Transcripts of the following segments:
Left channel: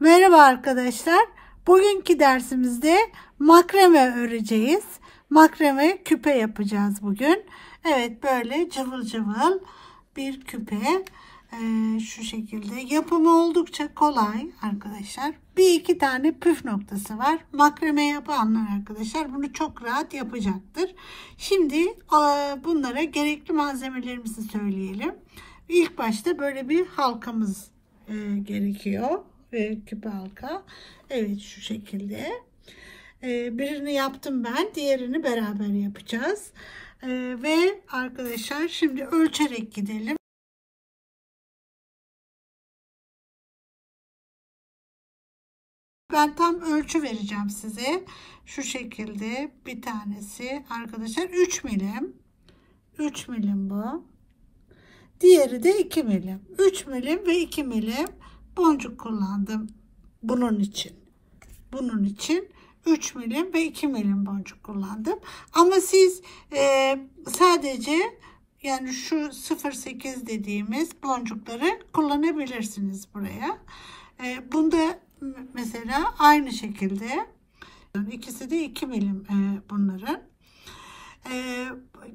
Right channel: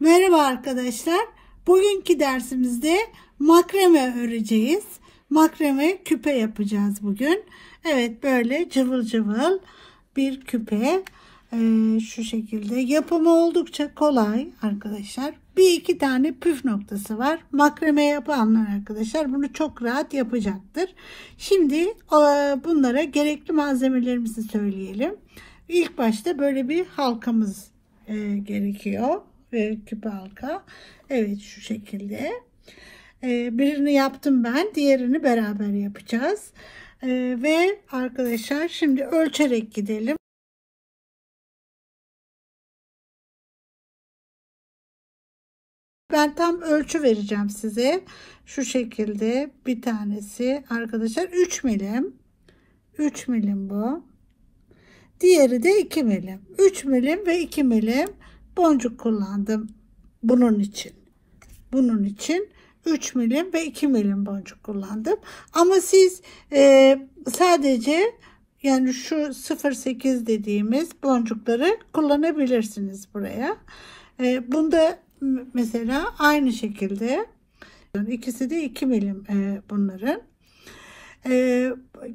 Merhaba arkadaşlar. Bugünkü dersimizde makrame öreceğiz. Makrame küpe yapacağız bugün. Evet, böyle cıvıl cıvıl bir küpe. Şu şekilde yapımı oldukça kolay arkadaşlar. Bir iki tane püf noktası var. Makrame yapanlar arkadaşlar bunu çok rahat yapacaktır. Şimdi bunlara gerekli malzemelerimizi söyleyelim. İlk başta böyle bir halkamız gerekiyor. Küpe halka. Evet, şu şekilde. Birini yaptım ben. Diğerini beraber yapacağız. Ve arkadaşlar şimdi ölçerek gidelim. Ben tam ölçü vereceğim size. Şu şekilde bir tanesi arkadaşlar 3 milim. 3 milim bu. Diğeri de 2 milim. 3 milim ve 2 milim boncuk kullandım bunun için. Bunun için 3 milim ve 2 milim boncuk kullandım. Ama siz sadece yani şu 0,8 dediğimiz boncukları kullanabilirsiniz buraya. Bunda mesela aynı şekilde ikisi de 2 milim bunların.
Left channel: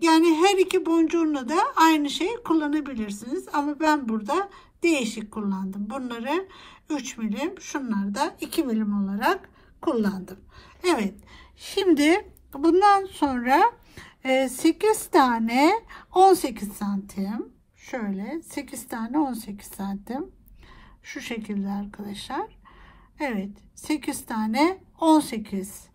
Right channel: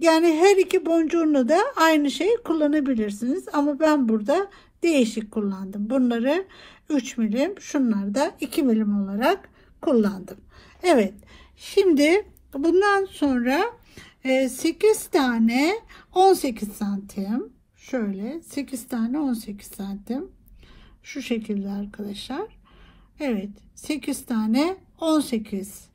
Yani her iki boncuğunu da aynı şeyi kullanabilirsiniz. Ama ben burada değişik kullandım. Bunları 3 milim, şunları da 2 milim olarak kullandım. Evet. Şimdi bundan sonra 8 tane 18 santim. Şöyle 8 tane 18 santim. Şu şekilde arkadaşlar. Evet. 8 tane 18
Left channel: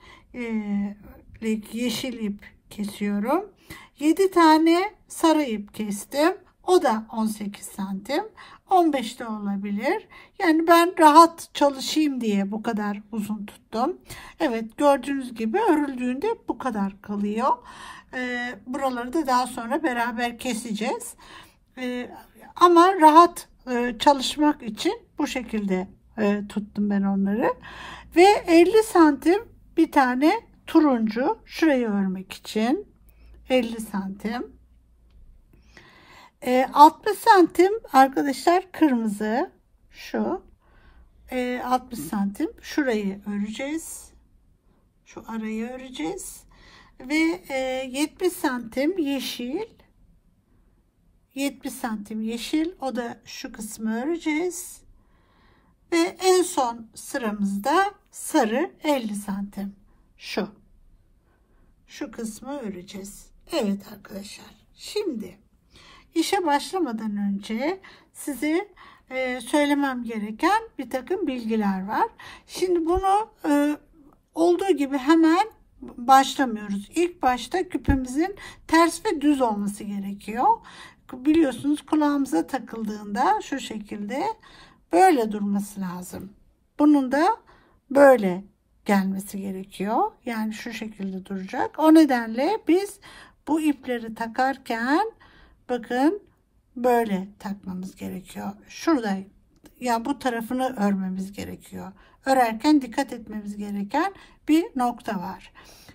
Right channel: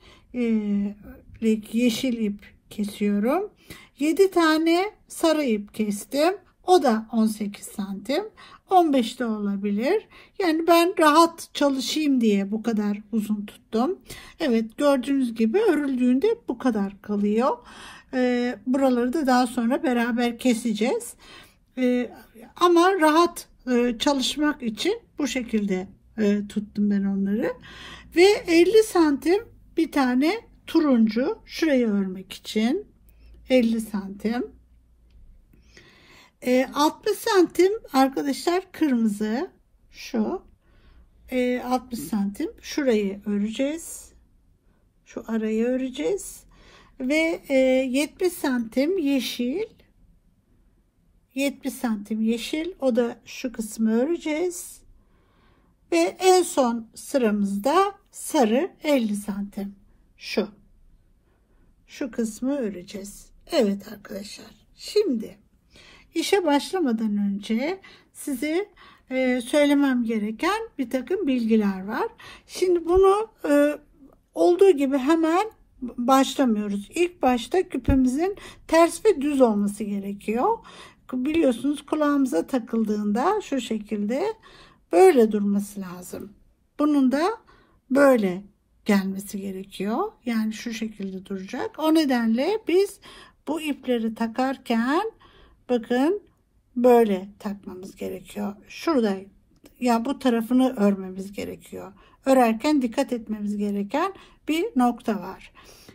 yeşil ip kesiyorum. 7 tane sarı ip kestim. O da 18 santim. 15 de olabilir. Yani ben rahat çalışayım diye bu kadar uzun tuttum. Evet, gördüğünüz gibi örüldüğünde bu kadar kalıyor. Buraları da daha sonra beraber keseceğiz. Ama rahat çalışmak için bu şekilde tuttum ben onları. Ve 50 santim bir tane turuncu, şurayı örmek için 50 santim. 60 santim arkadaşlar kırmızı, şu 60 santim şurayı öreceğiz. Şu arayı öreceğiz. Ve 70 santim yeşil. 70 santim yeşil, o da şu kısmı öreceğiz. Ve en son sıramızda sarı 50 santim. Şu kısmı öreceğiz. Evet arkadaşlar. Şimdi işe başlamadan önce size söylemem gereken bir takım bilgiler var. Şimdi bunu olduğu gibi hemen başlamıyoruz. İlk başta küpemizin ters ve düz olması gerekiyor. Biliyorsunuz kulağımıza takıldığında şu şekilde böyle durması lazım. Bunun da böyle gelmesi gerekiyor. Yani şu şekilde duracak. O nedenle biz bu ipleri takarken bakın böyle takmamız gerekiyor. Şurada yani bu tarafını örmemiz gerekiyor. Örerken dikkat etmemiz gereken bir nokta var.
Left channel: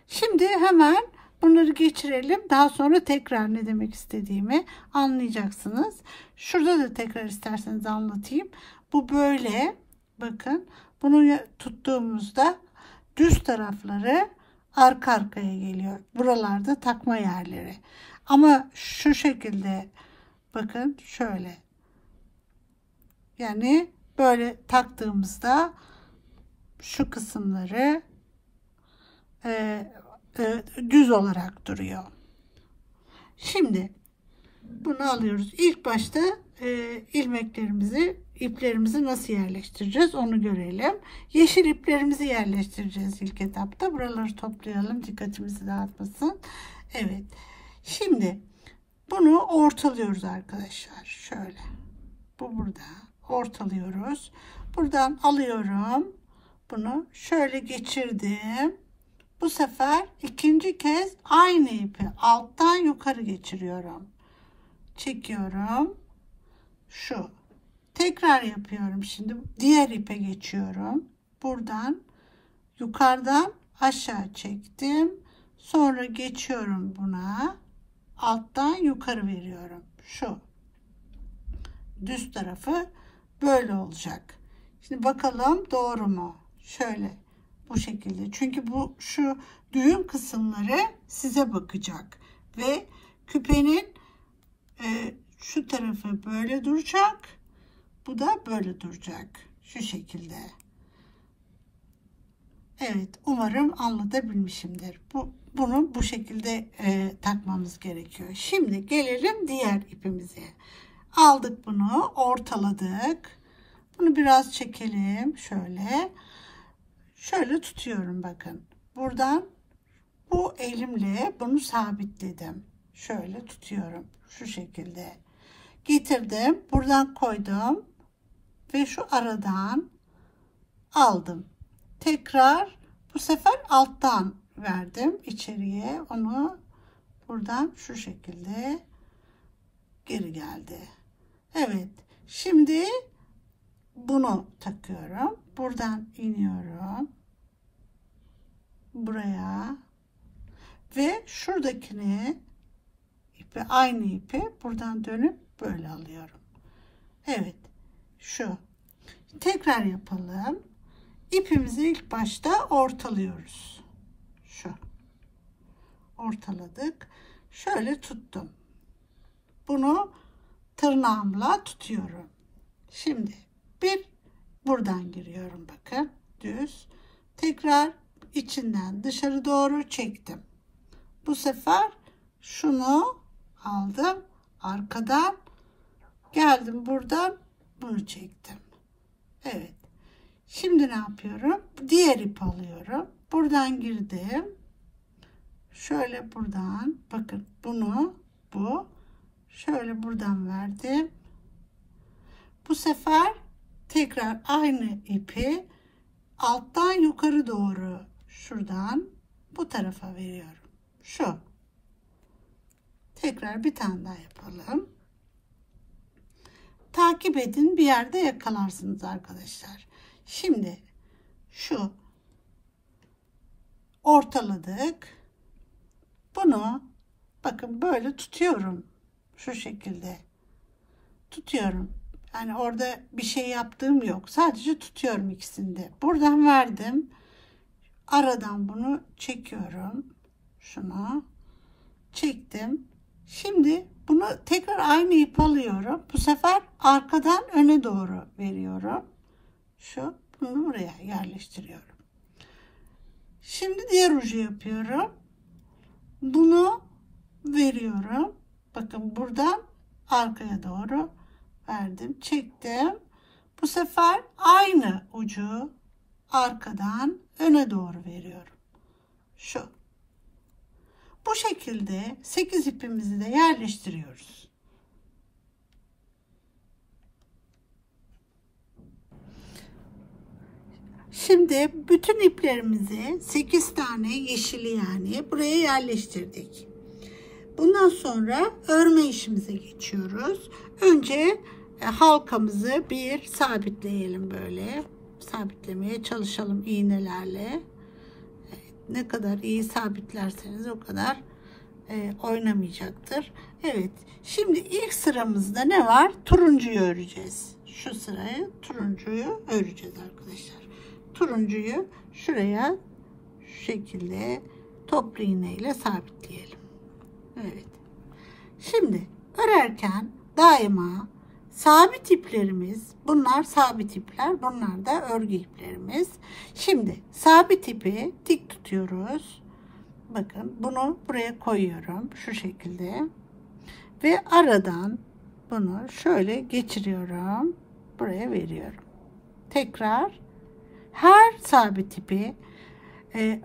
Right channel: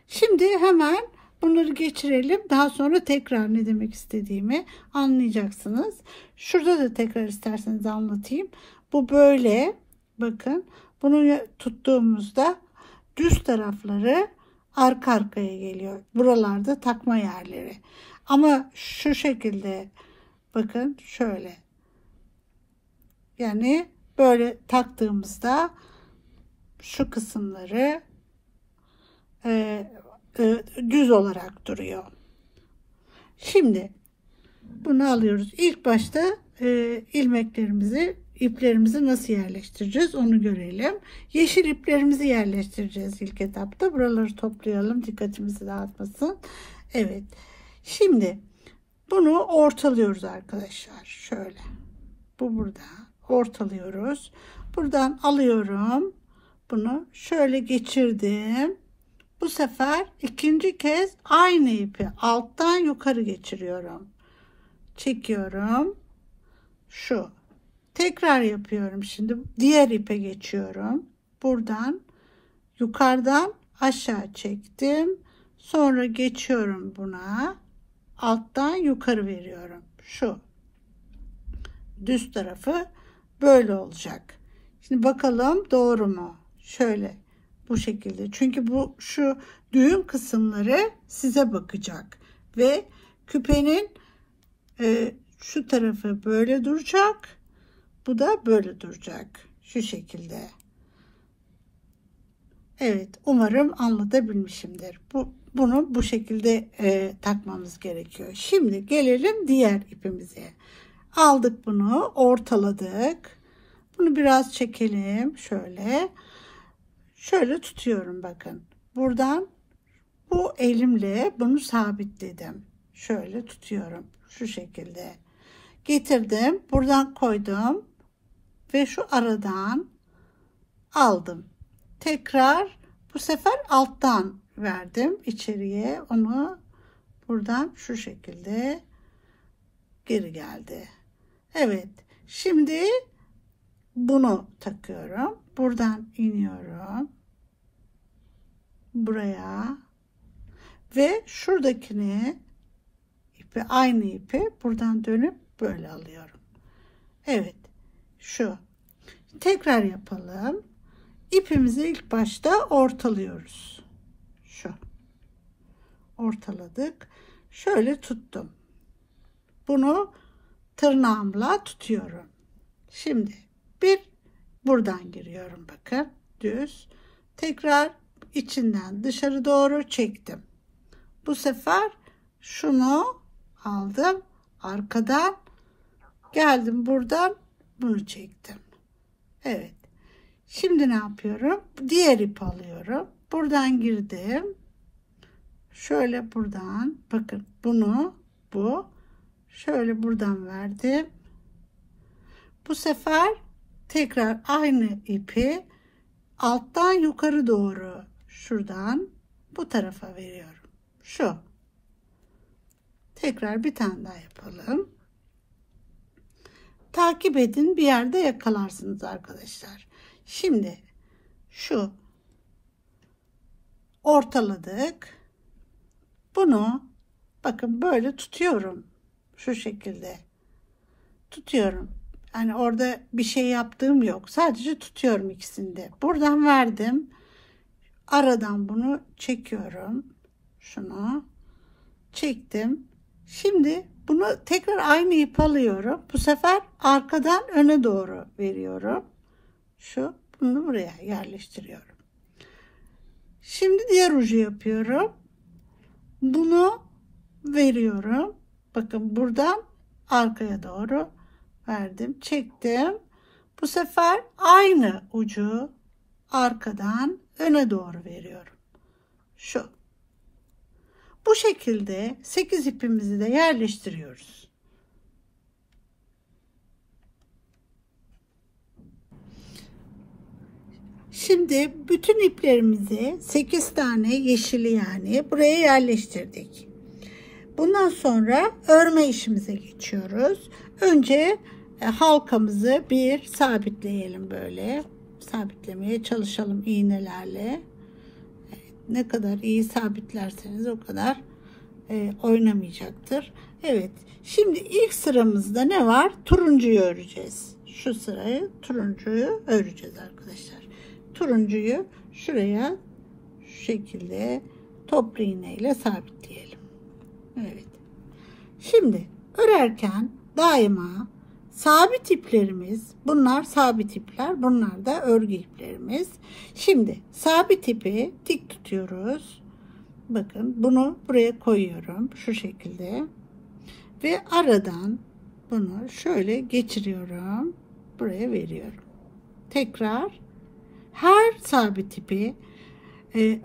Şimdi hemen bunları geçirelim. Daha sonra tekrar ne demek istediğimi anlayacaksınız. Şurada da tekrar isterseniz anlatayım. Bu böyle. Bakın. Bunu tuttuğumuzda düz tarafları arka arkaya geliyor. Buralarda takma yerleri. Ama şu şekilde bakın şöyle. Yani böyle taktığımızda şu kısımları düz olarak duruyor. Şimdi bunu alıyoruz. İlk başta iplerimizi nasıl yerleştireceğiz onu görelim. Yeşil iplerimizi yerleştireceğiz ilk etapta. Buraları toplayalım, dikkatimizi dağıtmasın. Evet. Şimdi bunu ortalıyoruz arkadaşlar. Şöyle. Bu burada. Ortalıyoruz. Buradan alıyorum. Bunu şöyle geçirdim. Bu sefer ikinci kez aynı ipi alttan yukarı geçiriyorum. Çekiyorum. Şu. Tekrar yapıyorum. Şimdi diğer ipe geçiyorum. Buradan yukarıdan aşağı çektim. Sonra geçiyorum buna. Alttan yukarı veriyorum. Şu. Düz tarafı böyle olacak. Şimdi bakalım doğru mu? Şöyle bu şekilde. Çünkü bu şu düğüm kısımları size bakacak ve küpenin şu tarafı böyle duracak. Bu da böyle duracak. Şu şekilde. Evet, umarım anlatabilmişimdir. Bunu bu şekilde takmamız gerekiyor. Şimdi gelelim diğer ipimize. Aldık bunu, ortaladık. Bunu biraz çekelim. Şöyle tutuyorum bakın. Buradan bu elimle bunu sabitledim. Şöyle tutuyorum. Şu şekilde. Getirdim. Buradan koydum. Ve şu aradan aldım. Tekrar bu sefer alttan verdim içeriye. Onu buradan şu şekilde geri geldi. Evet. Şimdi bunu takıyorum. Buradan iniyorum. Buraya. Ve şuradakini aynı ipi buradan dönüp böyle alıyorum. Evet. Şu. Tekrar yapalım. İpimizi ilk başta ortalıyoruz. Şu. Ortaladık. Şöyle tuttum. Bunu tırnağımla tutuyorum. Şimdi buradan giriyorum bakın. Düz. Tekrar içinden dışarı doğru çektim. Bu sefer şunu aldım. Arkadan geldim, buradan bunu çektim. Evet. Şimdi ne yapıyorum? Diğer ipi alıyorum. Buradan girdim. Şöyle buradan bakın bu şöyle buradan verdim. Bu sefer tekrar aynı ipi alttan yukarı doğru şuradan bu tarafa veriyorum. Şu. Tekrar bir tane daha yapalım. Takip edin, bir yerde yakalarsınız arkadaşlar. Şimdi şu ortaladık. Bunu bakın böyle tutuyorum. Şu şekilde tutuyorum. Yani orada bir şey yaptığım yok. Sadece tutuyorum ikisini de. Buradan verdim. Aradan bunu çekiyorum. Şunu çektim. Şimdi bunu tekrar aynı ip alıyorum. Bu sefer arkadan öne doğru veriyorum. Bunu buraya yerleştiriyorum. Şimdi diğer ucu yapıyorum. Bunu veriyorum. Bakın buradan arkaya doğru verdim. Çektim. Bu sefer aynı ucu arkadan öne doğru veriyorum. Bu şekilde 8 ipimizi de yerleştiriyoruz. Şimdi bütün iplerimizi 8 tane yeşili yani buraya yerleştirdik. Bundan sonra örme işimize geçiyoruz. Önce halkamızı bir sabitleyelim böyle. Sabitlemeye çalışalım iğnelerle. Ne kadar iyi sabitlerseniz o kadar oynamayacaktır. Evet. Şimdi ilk sıramızda ne var? Turuncuyu öreceğiz. Şu sırayı turuncuyu öreceğiz arkadaşlar. Turuncuyu şuraya şu şekilde toplu iğne ile sabitleyelim. Evet. Şimdi örerken daima sabit iplerimiz, bunlar sabit ipler, bunlar da örgü iplerimiz. Şimdi sabit ipi dik tutuyoruz. Bakın bunu buraya koyuyorum şu şekilde ve aradan bunu şöyle geçiriyorum, buraya veriyorum. Tekrar her sabit ipi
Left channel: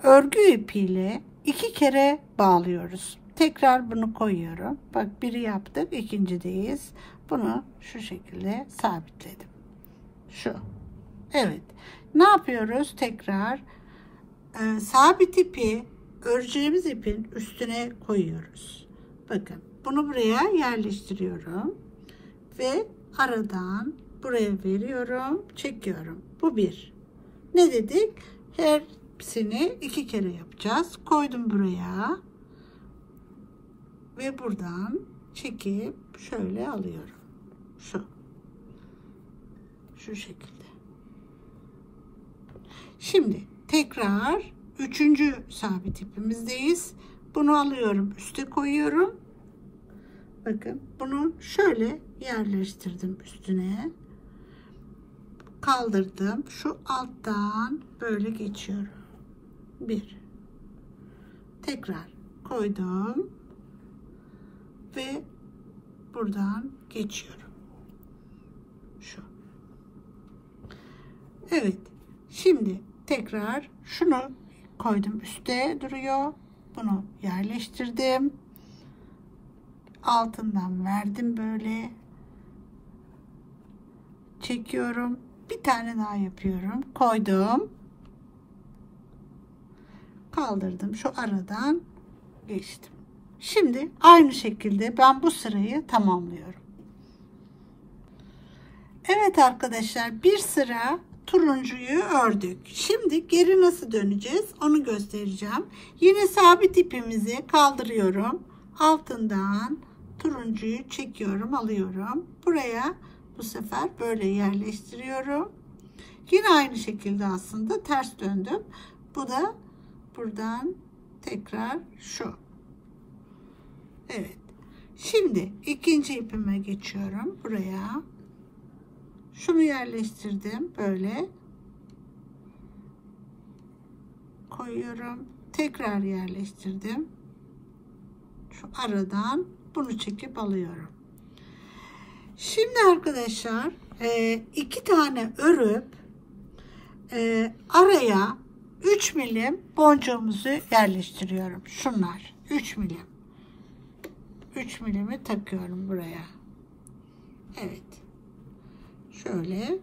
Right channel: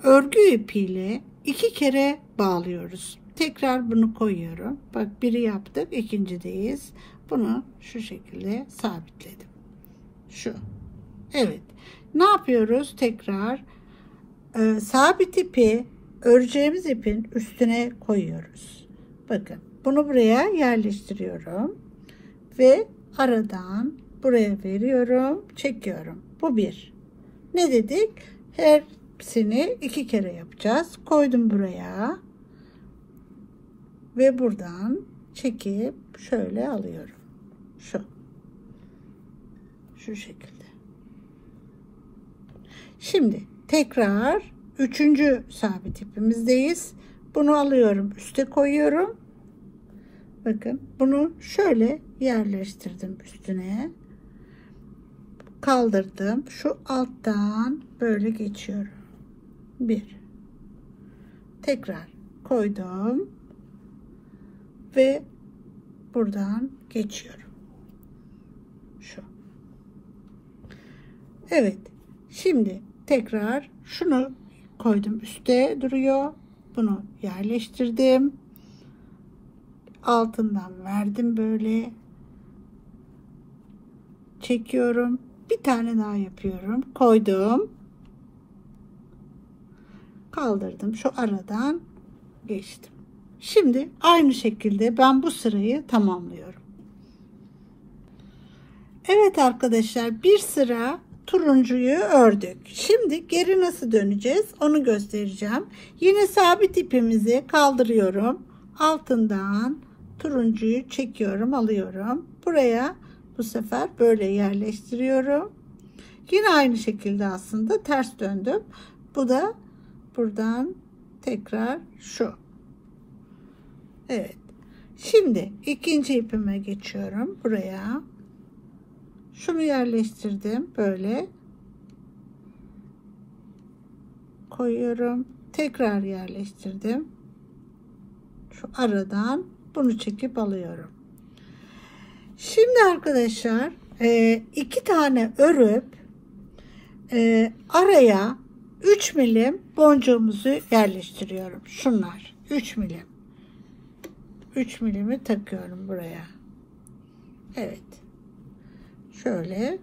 örgü ipiyle 2 kere bağlıyoruz. Tekrar bunu koyuyorum. Bak biri yaptık, ikincideyiz. Bunu şu şekilde sabitledim. Evet. Ne yapıyoruz? Tekrar sabit ipi öreceğimiz ipin üstüne koyuyoruz. Bakın bunu buraya yerleştiriyorum ve aradan buraya veriyorum, çekiyorum. Bu bir. Ne dedik? Hepsini 2 kere yapacağız. Koydum buraya ve buradan çekip şöyle alıyorum. Şu şekilde. Şimdi tekrar üçüncü sabit ipimizdeyiz. Bunu alıyorum, üste koyuyorum. Bakın bunu şöyle yerleştirdim üstüne. Kaldırdım. Şu alttan böyle geçiyorum. Bir. Tekrar koydum. Ve buradan geçiyorum. Şu. Evet. Şimdi tekrar şunu koydum. Üste duruyor. Bunu yerleştirdim. Altından verdim böyle. Çekiyorum. Bir tane daha yapıyorum. Koydum. Kaldırdım. Şu aradan geçtim. Şimdi aynı şekilde ben bu sırayı tamamlıyorum. Evet arkadaşlar, bir sıra turuncuyu ördük. Şimdi geri nasıl döneceğiz onu göstereceğim. Yine sabit ipimizi kaldırıyorum. Altından turuncuyu çekiyorum, alıyorum. Buraya bu sefer böyle yerleştiriyorum. Yine aynı şekilde aslında ters döndüm. Bu da buradan tekrar şu. Evet. Şimdi ikinci ipime geçiyorum. Buraya. Şunu yerleştirdim. Böyle. Koyuyorum. Tekrar yerleştirdim. Şu aradan bunu çekip alıyorum. Şimdi arkadaşlar iki tane örüp araya 3 milim boncuğumuzu yerleştiriyorum. Şunlar 3 milim. 3 milimi takıyorum buraya. Evet. Şöyle.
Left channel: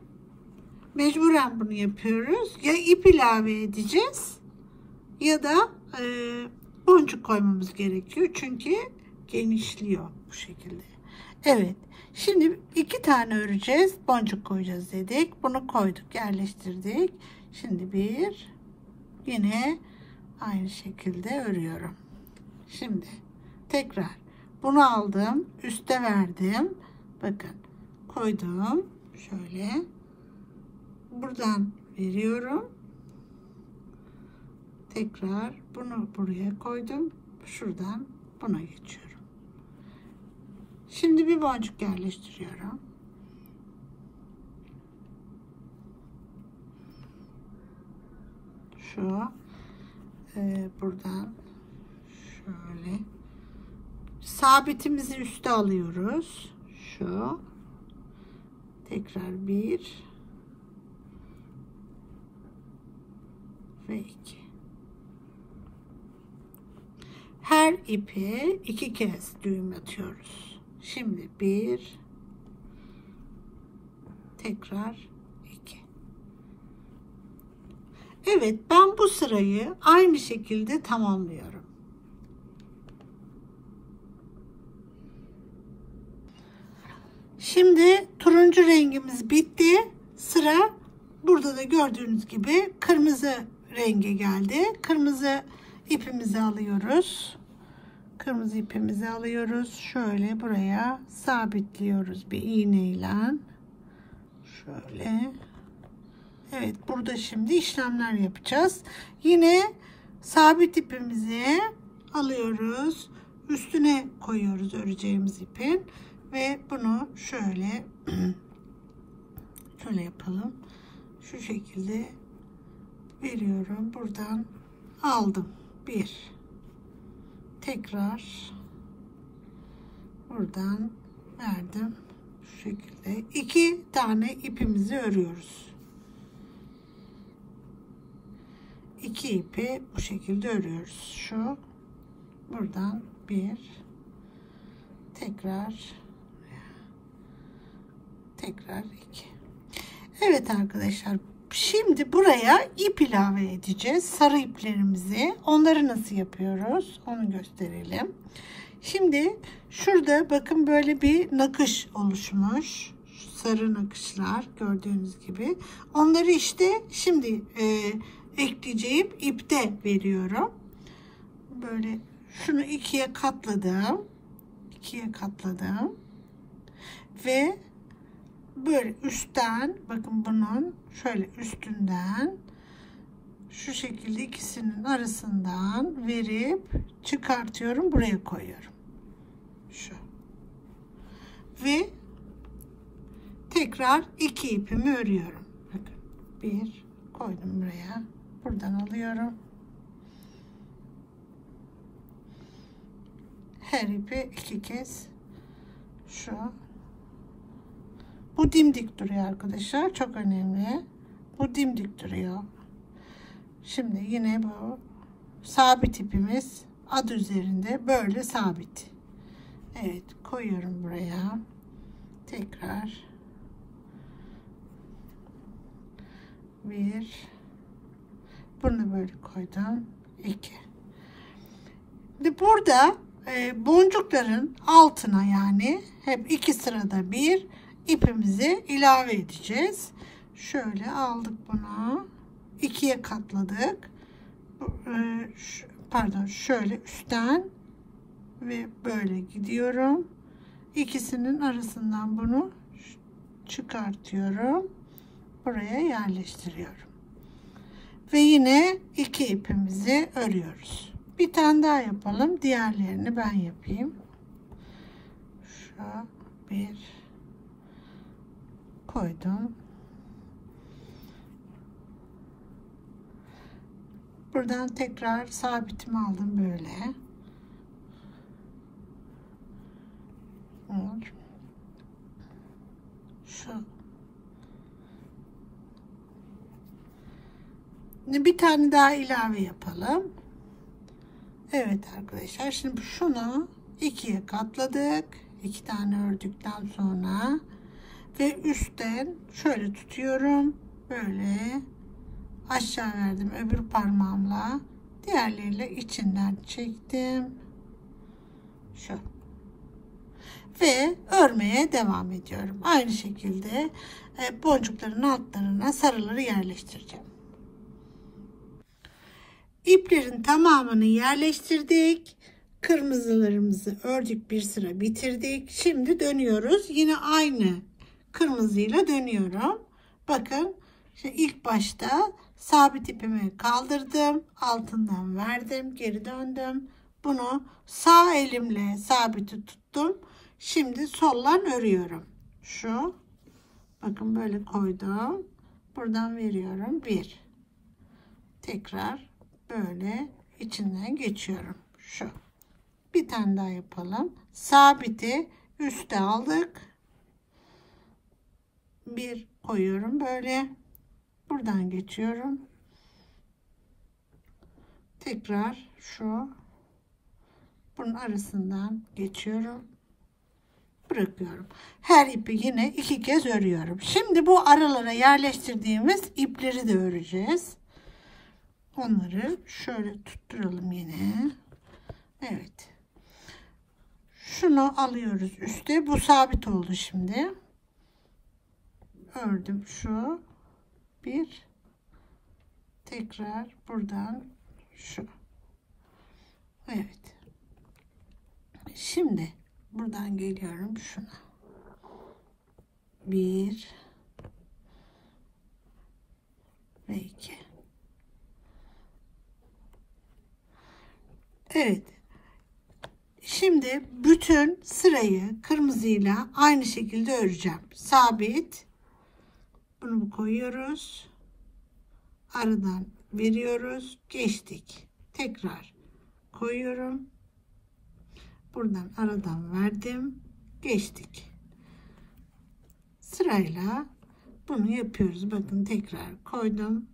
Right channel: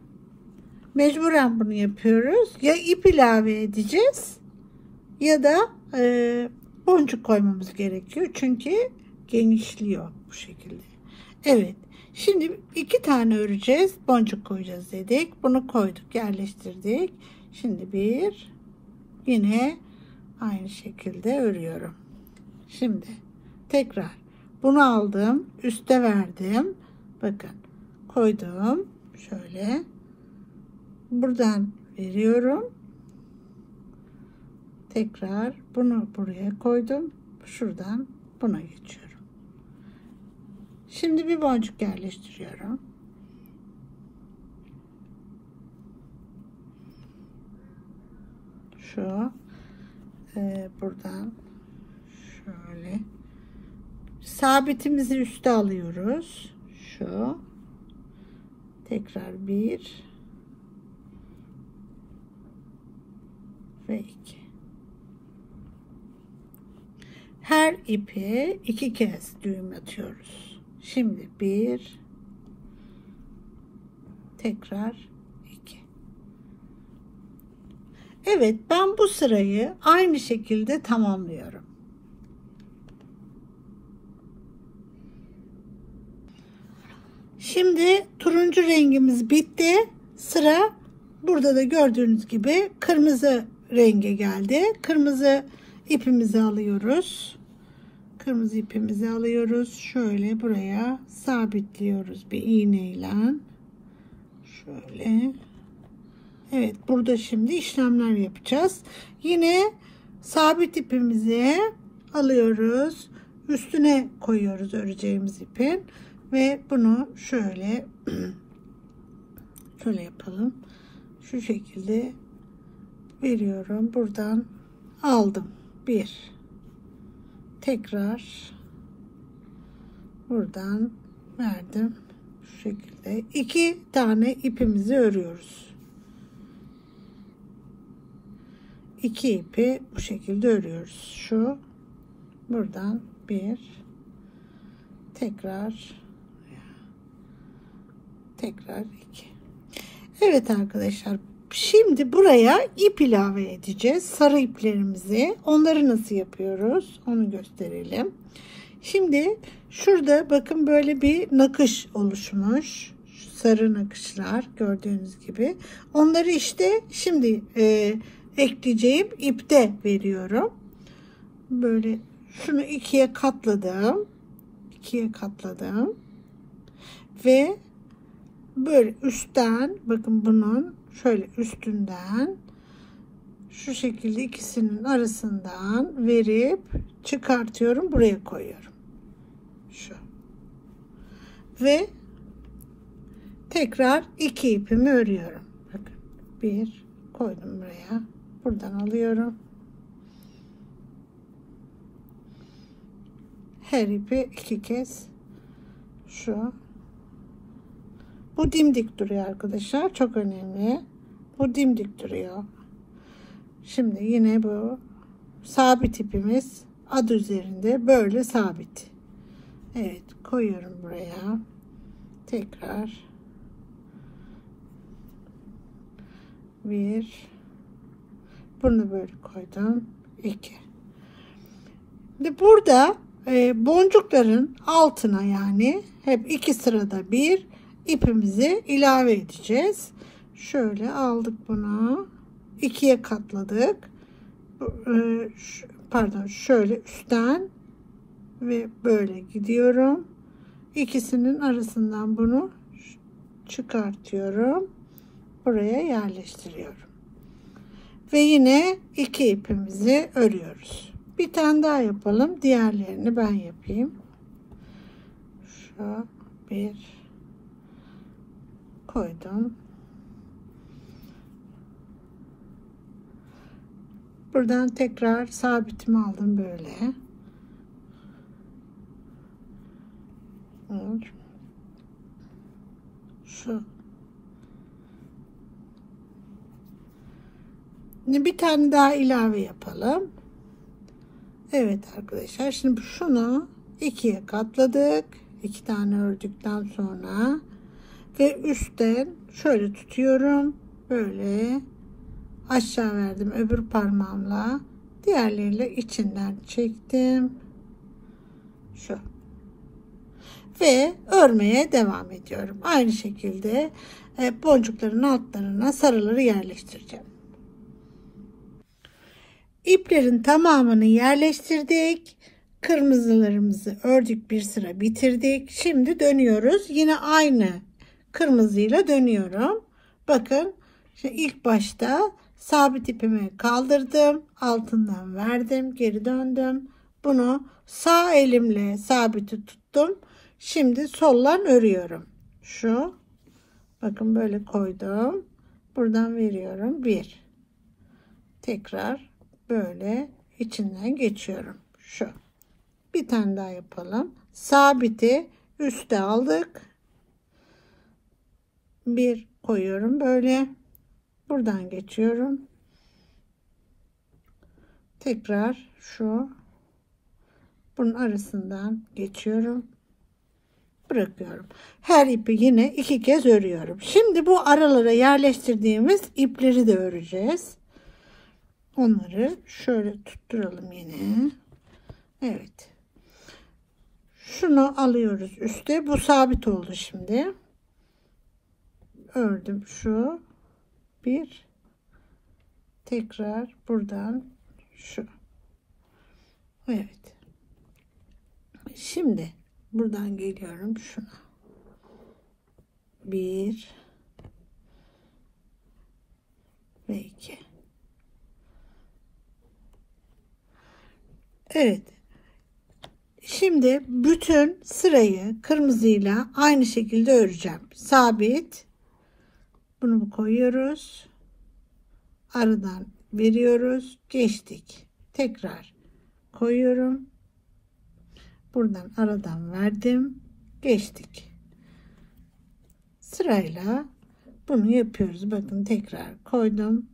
Mecburen bunu yapıyoruz. Ya ip ilave edeceğiz ya da boncuk koymamız gerekiyor. Çünkü genişliyor bu şekilde. Evet. Şimdi 2 tane öreceğiz. Boncuk koyacağız dedik. Bunu koyduk, yerleştirdik. Şimdi bir yine aynı şekilde örüyorum. Şimdi tekrar bunu aldım, üste verdim. Bakın, koydum. Şöyle. Buradan veriyorum. Tekrar bunu buraya koydum. Şuradan buna geçiyorum. Şimdi bir boncuk yerleştiriyorum. Şu buradan şöyle sabitimizi üste alıyoruz. Şu tekrar bir ve iki. Her ipi 2 kez düğüm atıyoruz. Şimdi bir, tekrar iki. Evet, ben bu sırayı aynı şekilde tamamlıyorum. Şimdi turuncu rengimiz bitti. Sıra burada da gördüğünüz gibi kırmızı renge geldi. Kırmızı ipimizi alıyoruz. Kırmızı ipimizi alıyoruz. Şöyle buraya sabitliyoruz bir iğneyle. Şöyle. Evet, burada şimdi işlemler yapacağız. Yine sabit ipimizi alıyoruz. Üstüne koyuyoruz öreceğimiz ipin. Ve bunu şöyle yapalım. Şu şekilde veriyorum. Buradan aldım. Bir. Tekrar buradan verdim. Şu şekilde 2 tane ipimizi örüyoruz. 2 ipi bu şekilde örüyoruz. Şu buradan bir, tekrar iki. Evet arkadaşlar, şimdi buraya ip ilave edeceğiz. Sarı iplerimizi. Onları nasıl yapıyoruz onu gösterelim. Şimdi şurada bakın böyle bir nakış oluşmuş. Sarı nakışlar gördüğünüz gibi. Onları işte şimdi ekleyeceğim ipte veriyorum. Böyle şunu ikiye katladım. Ve böyle üstten bakın bunun şöyle üstünden şu şekilde ikisinin arasından verip çıkartıyorum, buraya koyuyorum. Şu. Ve tekrar 2 ipimi örüyorum. Bakın, 1 koydum buraya. Buradan alıyorum. Her ipi 2 kez şu. Bu dimdik duruyor arkadaşlar. Çok önemli. Bu dimdik duruyor. Şimdi yine bu sabit ipimiz adı üzerinde böyle sabit. Evet, koyuyorum buraya. Tekrar 1, bunu böyle koydum. 2. Şimdi burada boncukların altına, yani hep 2 sırada bir ipimizi ilave edeceğiz. Şöyle aldık bunu, 2'ye katladık. Pardon, şöyle üstten ve böyle gidiyorum. İkisinin arasından bunu çıkartıyorum. Buraya yerleştiriyorum. Ve yine 2 ipimizi örüyoruz. Bir tane daha yapalım. Diğerlerini ben yapayım. Şu 1 koydum. Buradan tekrar sabitimi aldım böyle. Şu. Bir tane daha ilave yapalım. Evet arkadaşlar, şimdi şunu 2'ye katladık. 2 tane ördükten sonra ve üstten şöyle tutuyorum. Böyle aşağı verdim öbür parmağımla. Diğerleriyle içinden çektim. Şu. Ve örmeye devam ediyorum. Aynı şekilde boncukların altlarına sarıları yerleştireceğim. İplerin tamamını yerleştirdik. Kırmızılarımızı ördük, bir sıra bitirdik. Şimdi dönüyoruz. Yine aynı kırmızıyla dönüyorum. Bakın, şimdi ilk başta sabit ipimi kaldırdım. Altından verdim. Geri döndüm. Bunu sağ elimle sabiti tuttum. Şimdi sollan örüyorum. Şu. Bakın, böyle koydum. Buradan veriyorum. 1. Tekrar böyle içinden geçiyorum. Şu. Bir tane daha yapalım. Sabiti üste aldık. 1 koyuyorum böyle. Buradan geçiyorum. Tekrar şu. Bunun arasından geçiyorum. Bırakıyorum. Her ipi yine 2 kez örüyorum. Şimdi bu aralara yerleştirdiğimiz ipleri de öreceğiz. Onları şöyle tutturalım yine. Evet. Şunu alıyoruz üste. Bu sabit oldu şimdi. Ördüm şu. 1. Tekrar buradan şu. Evet. Şimdi buradan geliyorum şuna. 1 ve 2. Evet. Şimdi bütün sırayı kırmızıyla aynı şekilde öreceğim. Sabit. Bunu koyuyoruz. Aradan veriyoruz. Geçtik. Tekrar koyuyorum. Buradan aradan verdim. Geçtik. Sırayla bunu yapıyoruz. Bakın, tekrar koydum.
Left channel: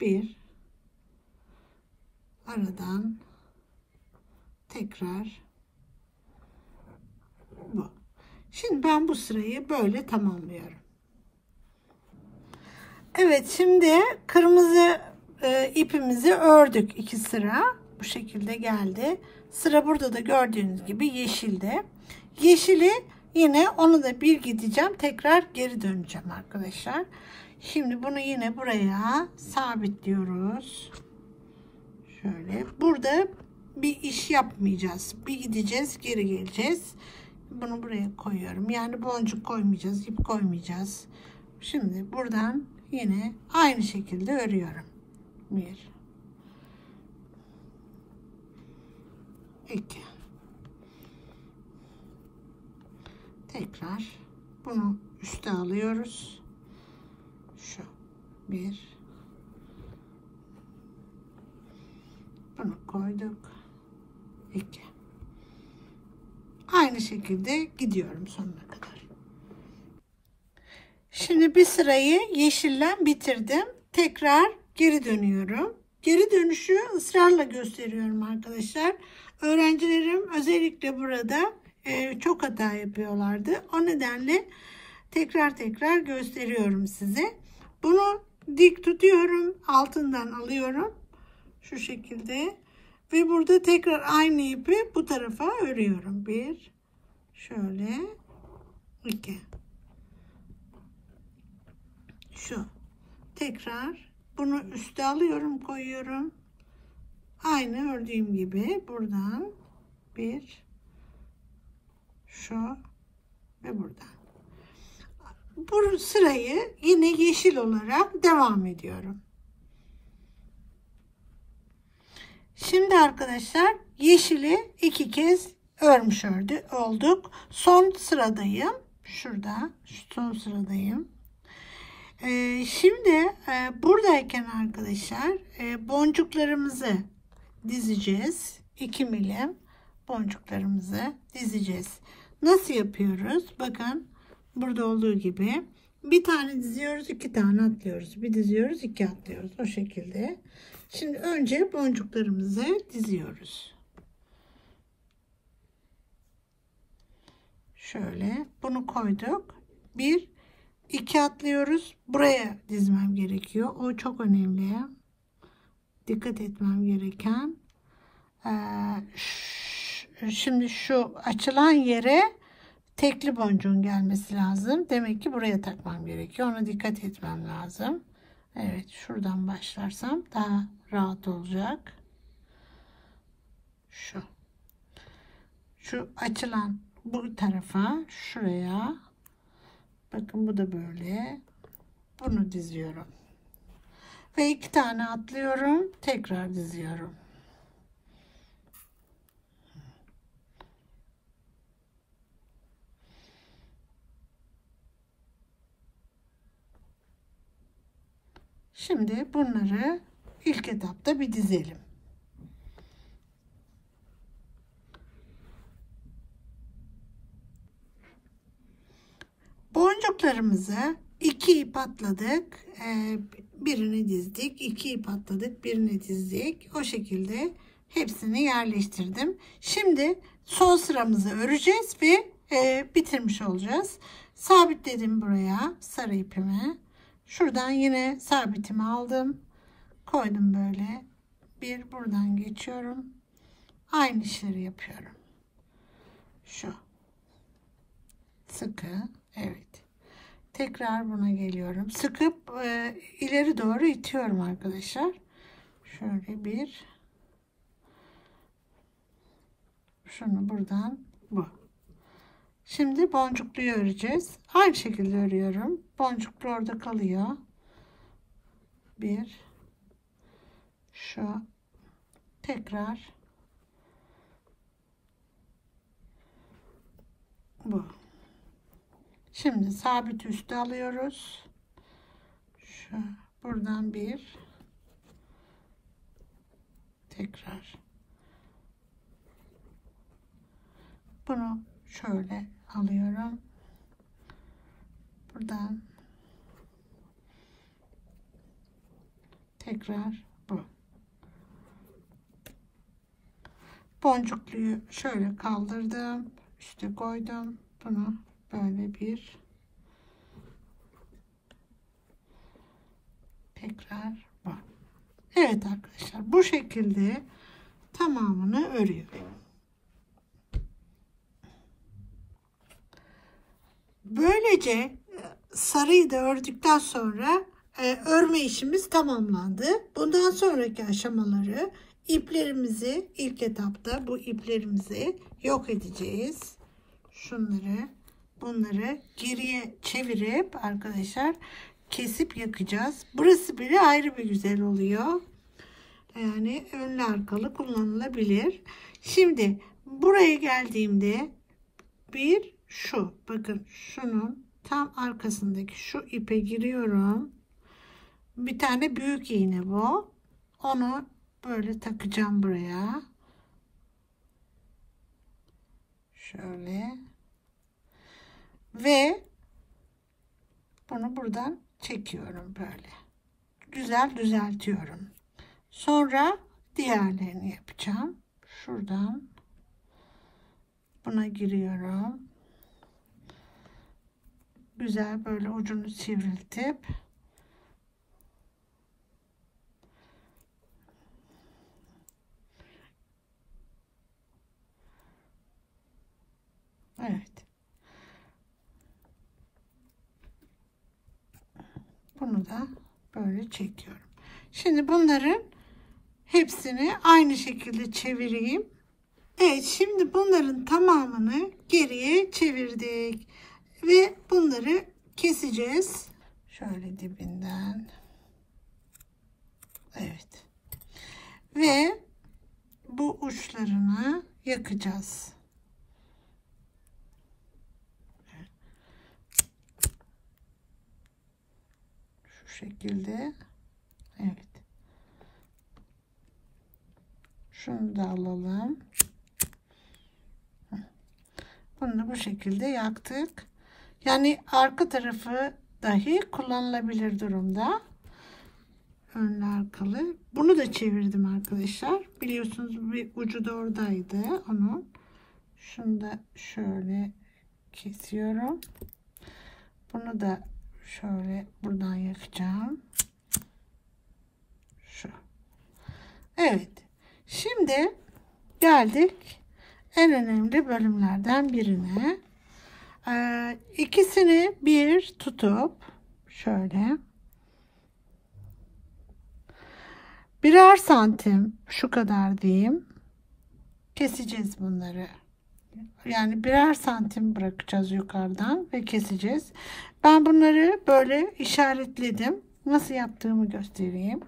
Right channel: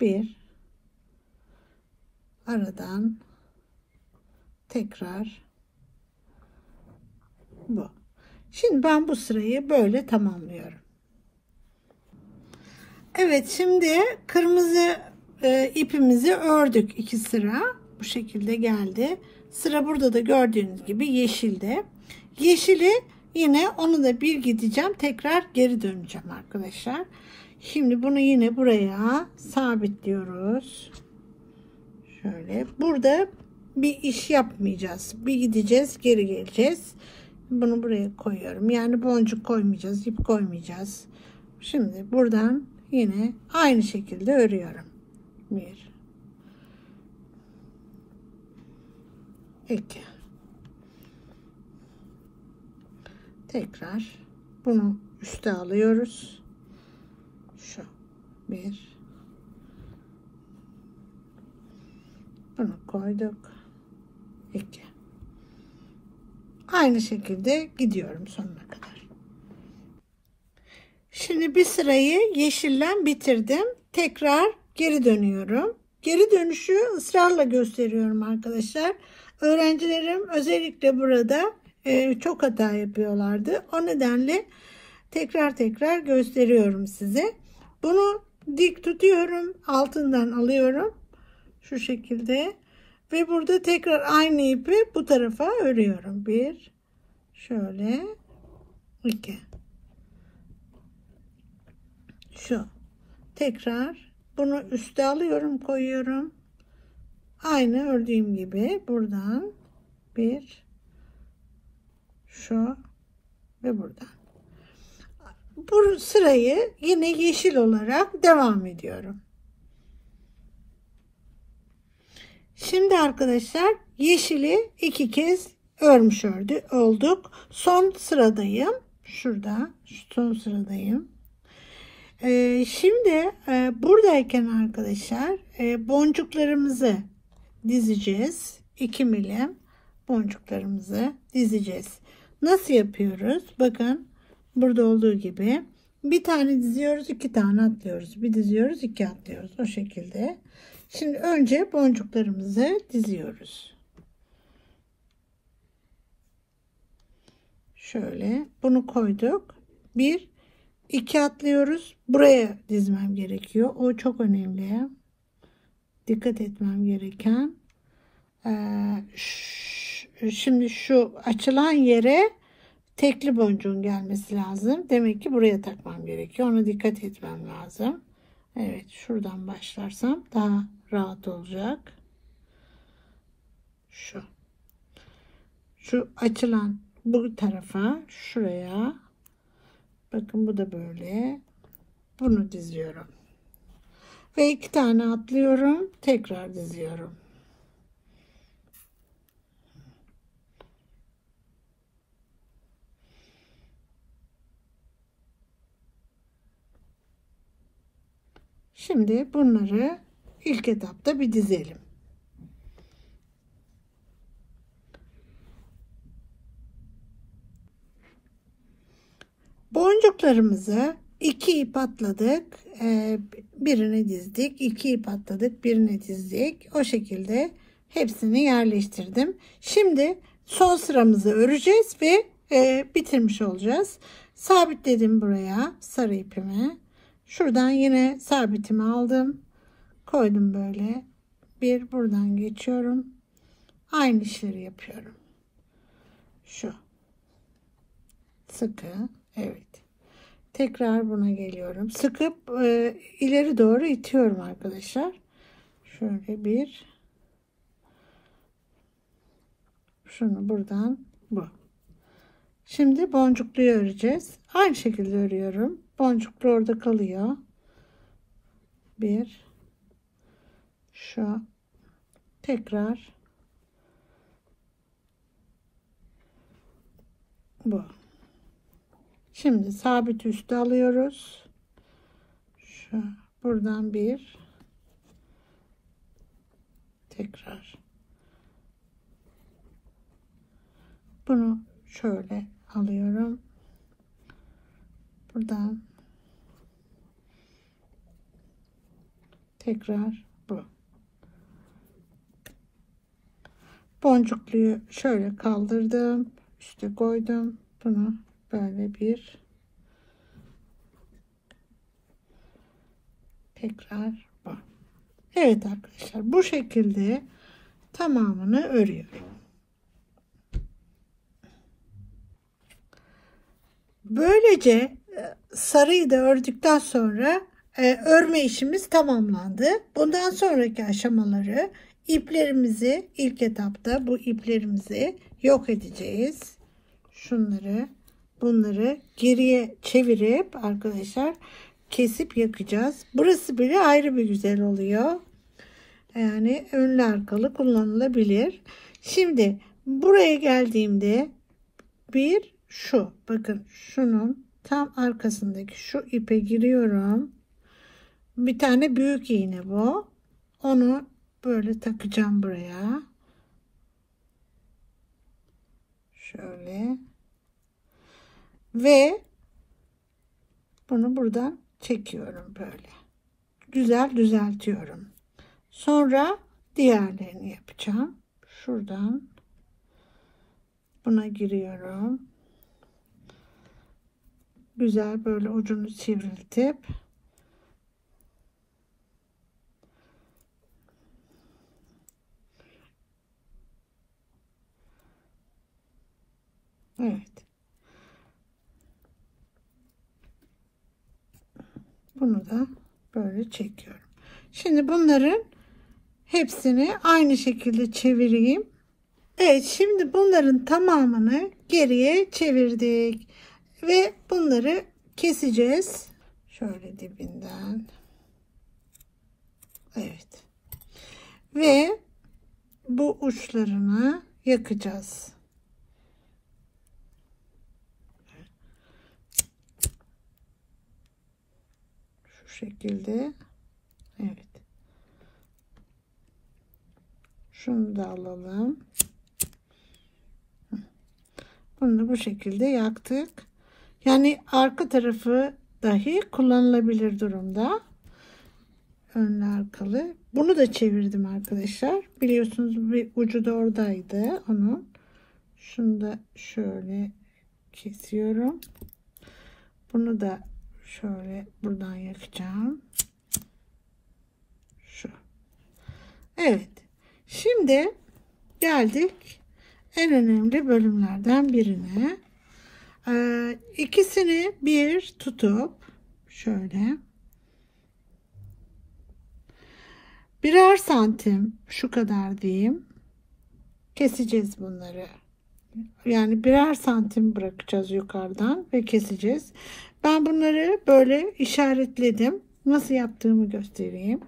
1. Aradan tekrar bu. Şimdi ben bu sırayı böyle tamamlıyorum. Evet, şimdi kırmızı ipimizi ördük 2 sıra. Bu şekilde geldi. Sıra burada da gördüğünüz gibi yeşilde. Yeşili yine onu da bir gideceğim. Tekrar geri döneceğim arkadaşlar. Şimdi bunu yine buraya sabitliyoruz. Şöyle. Burada bir iş yapmayacağız. Bir gideceğiz, geri geleceğiz. Bunu buraya koyuyorum. Yani boncuk koymayacağız, ip koymayacağız. Şimdi buradan yine aynı şekilde örüyorum. 1 2. Tekrar bunu üste alıyoruz. Şu 1. Bunu koyduk. 2. Aynı şekilde gidiyorum sonuna kadar. Şimdi bir sırayı yeşillen bitirdim. Tekrar geri dönüyorum. Geri dönüşü ısrarla gösteriyorum arkadaşlar. Öğrencilerim özellikle burada çok hata yapıyorlardı. O nedenle tekrar gösteriyorum size. Bunu dik tutuyorum. Altından alıyorum. Şu şekilde. Ve burada tekrar aynı ipi bu tarafa örüyorum. 1. Şöyle. 2. Şu. Tekrar bunu üste alıyorum, koyuyorum. Aynı ördüğüm gibi buradan 1. Şu. Ve buradan. Bu sırayı yine yeşil olarak devam ediyorum. Şimdi arkadaşlar yeşili 2 kez örmüş olduk. Son sıradayım. Şurada son sıradayım. Şimdi buradayken arkadaşlar boncuklarımızı dizeceğiz. 2 milim boncuklarımızı dizeceğiz. Nasıl yapıyoruz? Bakın burada olduğu gibi bir tane diziyoruz, 2 tane atlıyoruz. Bir diziyoruz, 2 atlıyoruz. O şekilde. Şimdi önce boncuklarımızı diziyoruz. Şöyle bunu koyduk. 1, 2 atlıyoruz. Buraya dizmem gerekiyor. O çok önemli. Dikkat etmem gereken. Şimdi şu açılan yere tekli boncuğun gelmesi lazım. Demek ki buraya takmam gerekiyor. Ona dikkat etmem lazım. Evet, şuradan başlarsam daha rahat olacak. Şu açılan bu tarafa, şuraya. Bakın bu da böyle. Bunu diziyorum. Ve 2 tane atlıyorum. Tekrar diziyorum. Şimdi bunları ilk etapta bir dizelim. Boncuklarımızı 2 ip atladık. Birini dizdik. 2 ip atladık. Birini dizdik. O şekilde hepsini yerleştirdim. Şimdi son sıramızı öreceğiz ve bitirmiş olacağız. Sabitledim buraya sarı ipimi. Şuradan yine sabitimi aldım. Koydum böyle. Bir buradan geçiyorum. Aynı işleri yapıyorum. Şu. Sıkı. Evet. Tekrar buna geliyorum. Sıkıp ileri doğru itiyorum arkadaşlar. Şöyle bir. Şunu buradan bu. Şimdi boncukluyu öreceğiz. Aynı şekilde örüyorum. Boncuklu orada kalıyor. Bir. Şu. Tekrar. Bu. Şimdi sabit üstü alıyoruz. Şu buradan bir. Tekrar. Bunu şöyle alıyorum. Buradan tekrar bu. Boncukluyu şöyle kaldırdım. Üste koydum. Bunu böyle bir tekrar bu. Evet arkadaşlar, bu şekilde tamamını örüyorum. Böylece sarıyı da ördükten sonra örme işimiz tamamlandı. Bundan sonraki aşamaları iplerimizi ilk etapta bu iplerimizi yok edeceğiz. Bunları geriye çevirip arkadaşlar kesip yakacağız. Burası bile ayrı bir güzel oluyor. Yani önlü arkalı kullanılabilir. Şimdi buraya geldiğimde bir şu, bakın şunun tam arkasındaki şu ipe giriyorum. Bir tane büyük iğne bu. Onu böyle takacağım buraya. Şöyle. Ve bunu buradan çekiyorum böyle. Güzel düzeltiyorum. Sonra diğerlerini yapacağım. Şuradan buna giriyorum. Güzel böyle ucunu sivriltip evet. Bunu da böyle çekiyorum. Şimdi bunların hepsini aynı şekilde çevireyim. Evet, şimdi bunların tamamını geriye çevirdik ve bunları keseceğiz. Şöyle dibinden. Evet. Ve bu uçlarını yakacağız. Şu şekilde. Evet. Şunu da alalım. Bunu da bu şekilde yaktık. Yani arka tarafı dahi kullanılabilir durumda. Önlü arkalı. Bunu da çevirdim arkadaşlar. Biliyorsunuz bir ucu da oradaydı onun. Şunu da şöyle kesiyorum. Bunu da şöyle buradan yakacağım. Şu. Evet. Şimdi geldik en önemli bölümlerden birine. İkisini bir tutup şöyle birer santim şu kadar diyeyim keseceğiz bunları. Yani birer santim bırakacağız yukarıdan ve keseceğiz. Ben bunları böyle işaretledim. Nasıl yaptığımı göstereyim.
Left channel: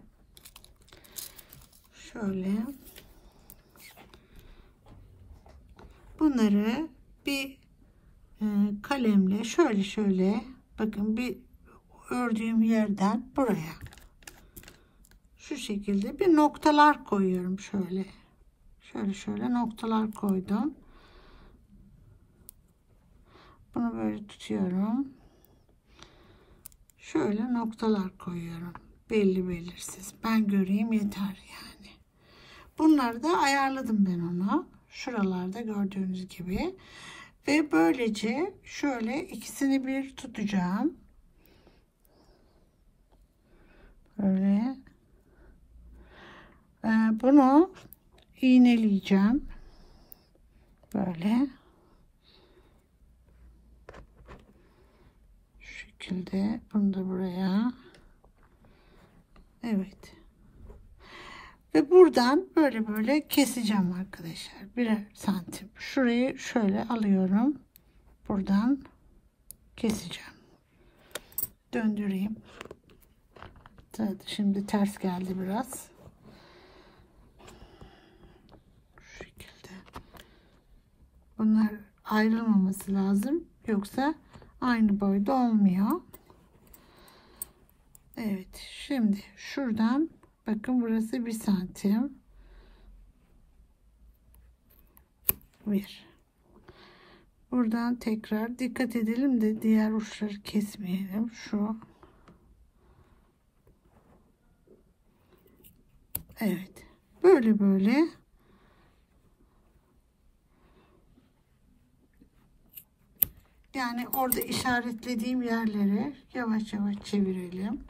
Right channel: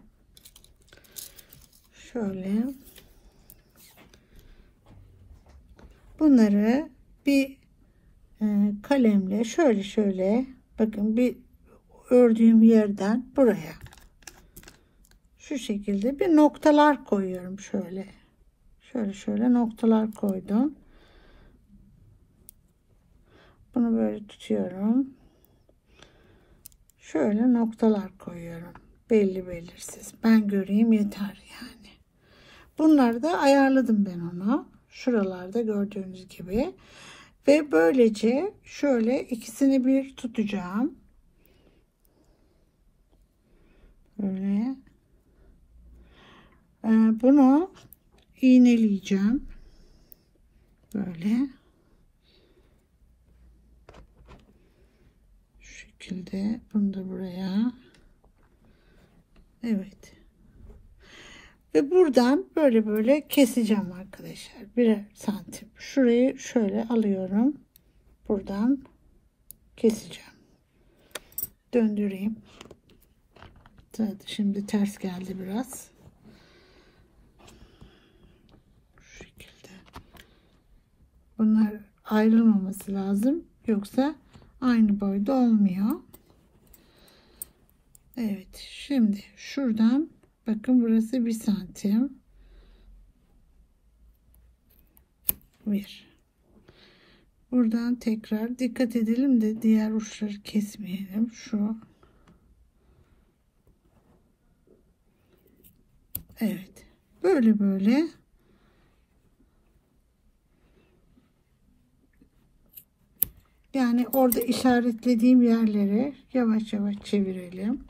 Şöyle. Bunları bir kalemle şöyle bakın bir ördüğüm yerden buraya şu şekilde bir noktalar koyuyorum şöyle noktalar koydum. Bunu böyle tutuyorum. Şöyle noktalar koyuyorum. Belli belirsiz. Ben göreyim yeter yani. Bunları da ayarladım ben onu. Şuralarda gördüğünüz gibi. Ve böylece şöyle ikisini bir tutacağım. Böyle. Bunu iğneleyeceğim. Böyle. Şu şekilde. Bunu da buraya. Evet. Ve buradan böyle keseceğim arkadaşlar. Birer santim. Şurayı şöyle alıyorum. Buradan keseceğim. Döndüreyim. Şimdi ters geldi biraz. Şu şekilde. Bunlar ayrılmaması lazım. Yoksa aynı boyda olmuyor. Evet. Şimdi şuradan bakın burası 1 santim. 1. Buradan tekrar dikkat edelim de diğer uçları kesmeyelim. Şu. Evet. Böyle yani orada işaretlediğim yerleri yavaş yavaş çevirelim.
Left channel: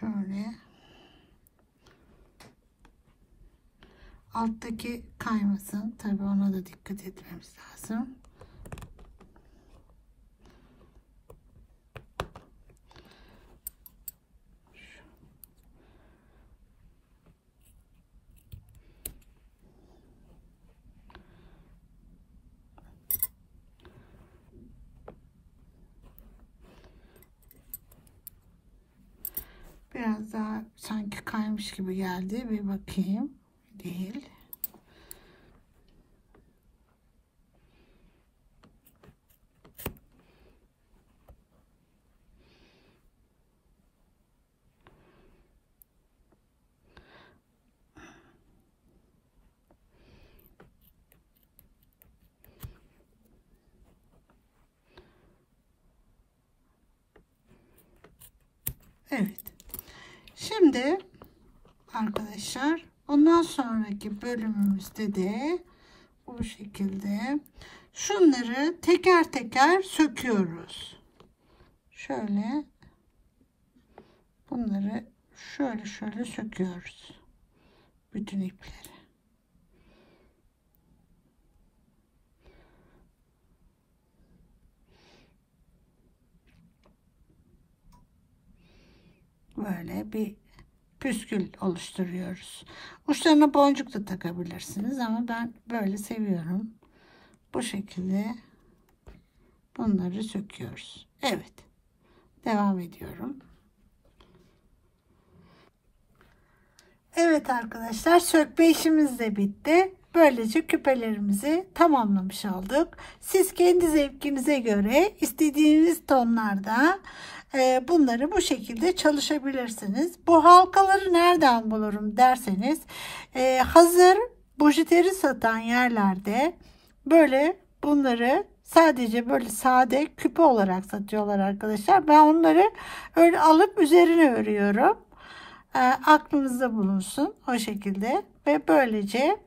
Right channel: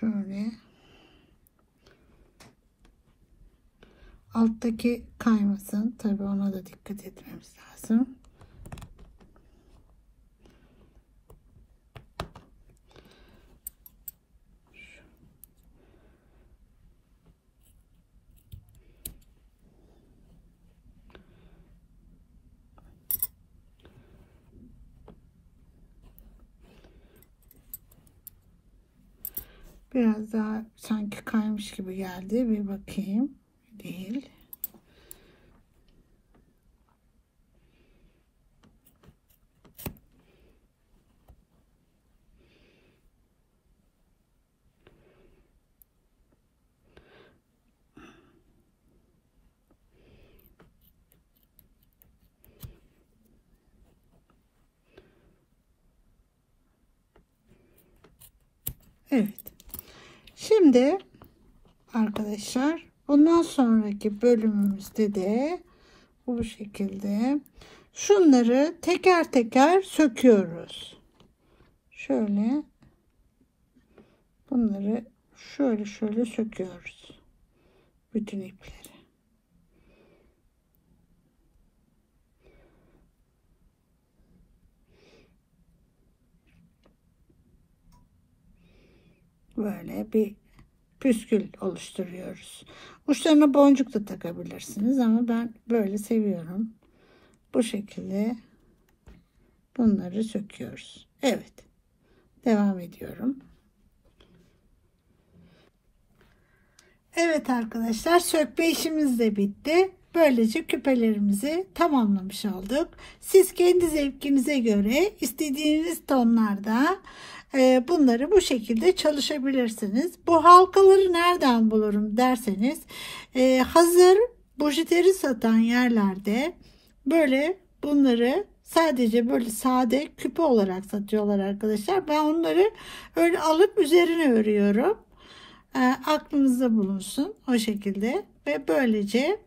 Şöyle. Alttaki kaymasın. Tabii ona da dikkat etmemiz lazım. Biraz daha sanki kaymış gibi geldi. Bir bakayım. Değil. Evet. Şimdi arkadaşlar bundan sonraki bölümümüzde de bu şekilde şunları teker teker söküyoruz. Şöyle bunları şöyle söküyoruz. Bütün ipleri. Böyle bir püskül oluşturuyoruz. Uçlarına boncuk da takabilirsiniz ama ben böyle seviyorum. Bu şekilde bunları söküyoruz. Evet. Devam ediyorum. Evet arkadaşlar, sökme işimiz de bitti. Böylece küpelerimizi tamamlamış olduk. Siz kendi zevkinize göre istediğiniz tonlarda bunları bu şekilde çalışabilirsiniz. Bu halkaları nereden bulurum derseniz hazır bujiteri satan yerlerde böyle bunları sadece böyle sade küpe olarak satıyorlar arkadaşlar. Ben onları öyle alıp üzerine örüyorum. Aklınızda bulunsun o şekilde ve böylece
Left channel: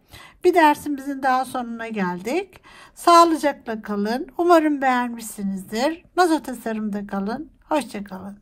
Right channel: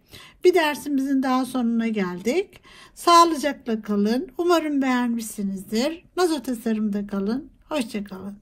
bir dersimizin daha sonuna geldik. Sağlıcakla kalın. Umarım beğenmişsinizdir. Nazo tasarımda kalın. Hoşça kalın.